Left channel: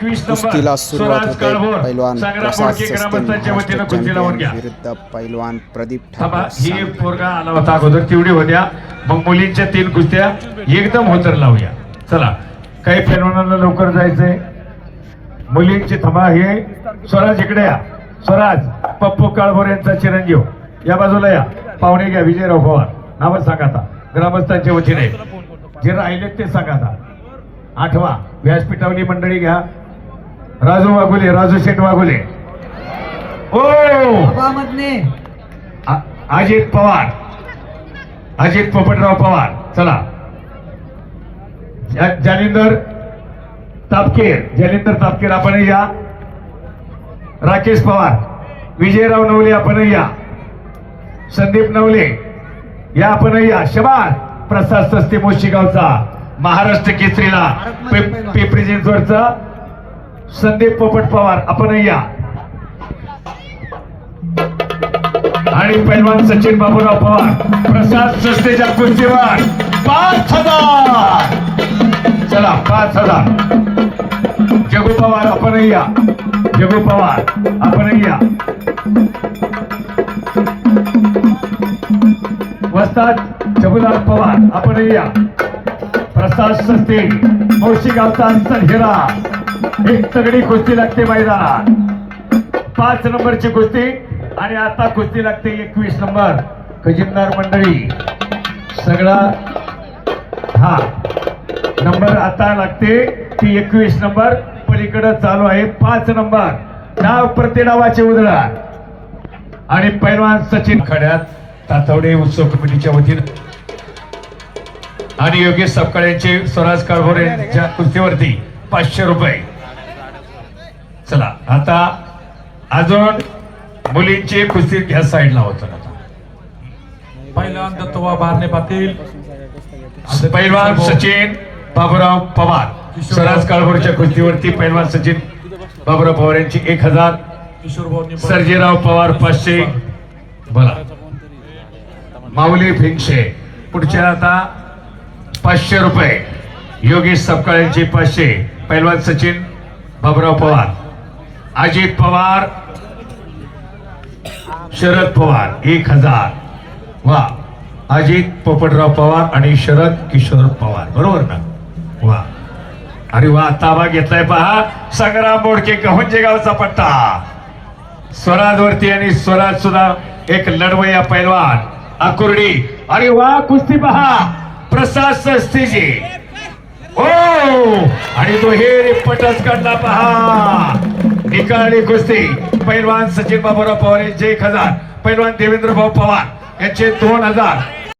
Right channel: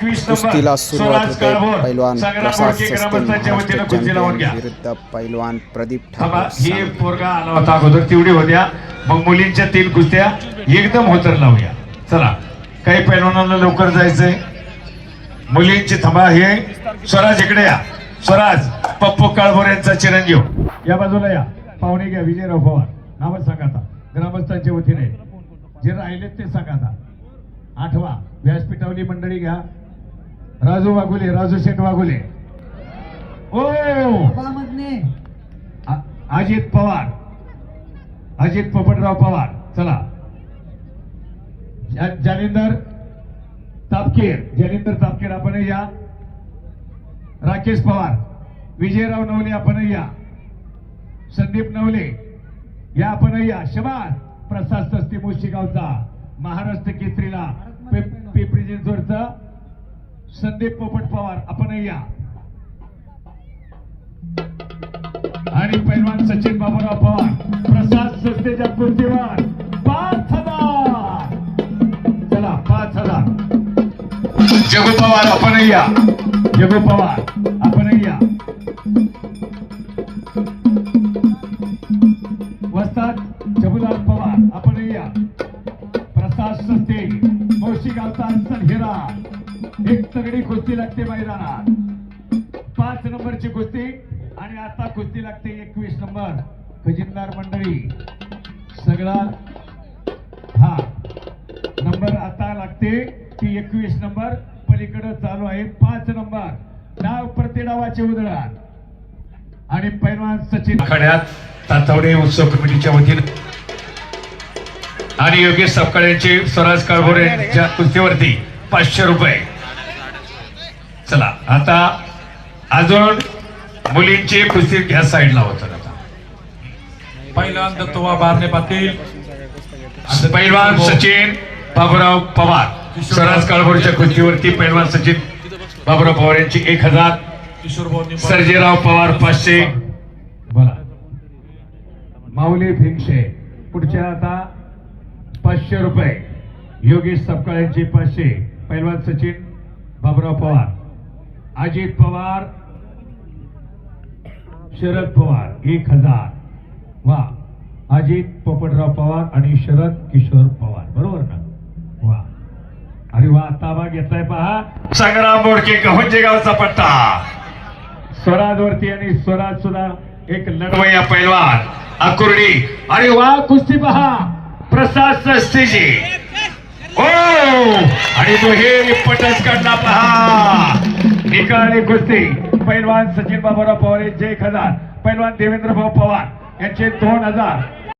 कुस्तीला सुरुवात होते. पैलवान प्रसाद सस्ते महाराष्ट्र चॅम्पियन विरुद्ध पैलवान प्रदीप ठाकूर अगोदर. तेवढी होत्या. मग मुलींच्या तीन कुस्त्या एकदम होतर लावूया. चला काही पैलवानांना लवकर जायचंय. मुलींची थांबा हे स्वराज इकडे या. स्वराज पप्पू काळभोर यांचा चिरंजीव. या बाजूला या. पाहुणे घ्या विजयराव पवार. नावच सांगा आता. ग्रामस्थांच्या वतीने. जे राहिले ते सांगा आता. आठवा व्यासपीठावली मंडळी घ्या. राजू वाघुले राजू शेठ वाघुले. ओ! अजित पवार. अजित पोपटराव पवार. चला. जालिंदर तापकीर. जालिंदर तापकीर आपण या. राकेश पवार. विजयराव नवले आपण या. संदीप नवले या आपण या. शबाद प्रसाद सस्ते मोशीगावचा. महाराष्ट्र केसरीला पिंपरी चिंचवडचा संदीप पोपट पवार आपण या. आणि पैलवान सचिन बाबूराव पवार प्रसाद सस्तेच्या कुस्तीवर पाच हजार! चला पाच हजार. जगू पवार आपण या. जगू पवार आपण या. वस्ताद जगुनाथ पवार आपण या. प्रसाद सस्ते मौशी गावचा हिरा तगडी कुस्ती लागते मैदानात. पाच नंबरची कुस्ती आणि आता कुस्ती लागते एकवीस नंबर. खजिनदार मंडळी सगळा हा नंबर आता लागते ती एकवीस नंबर. पलीकडे चालू आहे पाच नंबर. नाव प्रति नावाचे उधळा आणि पैलवान सचिन खड्यात तातवडे उत्सव कमिटीच्या वतीनं. आणि योगेश सपकाळ्यांचे स्वराज काळभोरे यांच्या कुस्तीवरती. पाचशे रुपये. चला आता अजून मुलींची कुस्ती घ्या साईडला होतं आता. पहिला दत्तोबा बारणे पाटील. पैलवान सचिन बाबूराव पवार. स्वराज काळभोरच्या कुस्तीवरती पैलवान सचिन बाबूराव पवार यांची एक हजार. सर्जेराव पवार पाचशे. बोला. माऊली भिंगशे. पुढच्या आता पाचशे रुपये. योगेश सपकाळ्यांचे पाचशे पैलवान सचिन बाबराव पवार. अजित पवार शरद पवार एक हजार. वा अजित पोपटराव पवार आणि शरद किशोर पवार. बरोबर ना? वा. अरे वा ताबा घेतलाय पहा. संग्राम बोडके गहुंजे गावचा पट्टा. स्वराजवरती आणि स्वराज सुद्धा एक लढवया पैलवान. अकुर्डी. अरे वा कुस्ती पहा. प्रसाद सस्तीजी. ओ आणि तो हे पटच काढला पहा. निकाली कुस्ती. पैलवान सचिन बाबूराव पवार यांचे एक हजार. पैलवान देवेंद्र भाऊ पवार यांचे दोन हजार.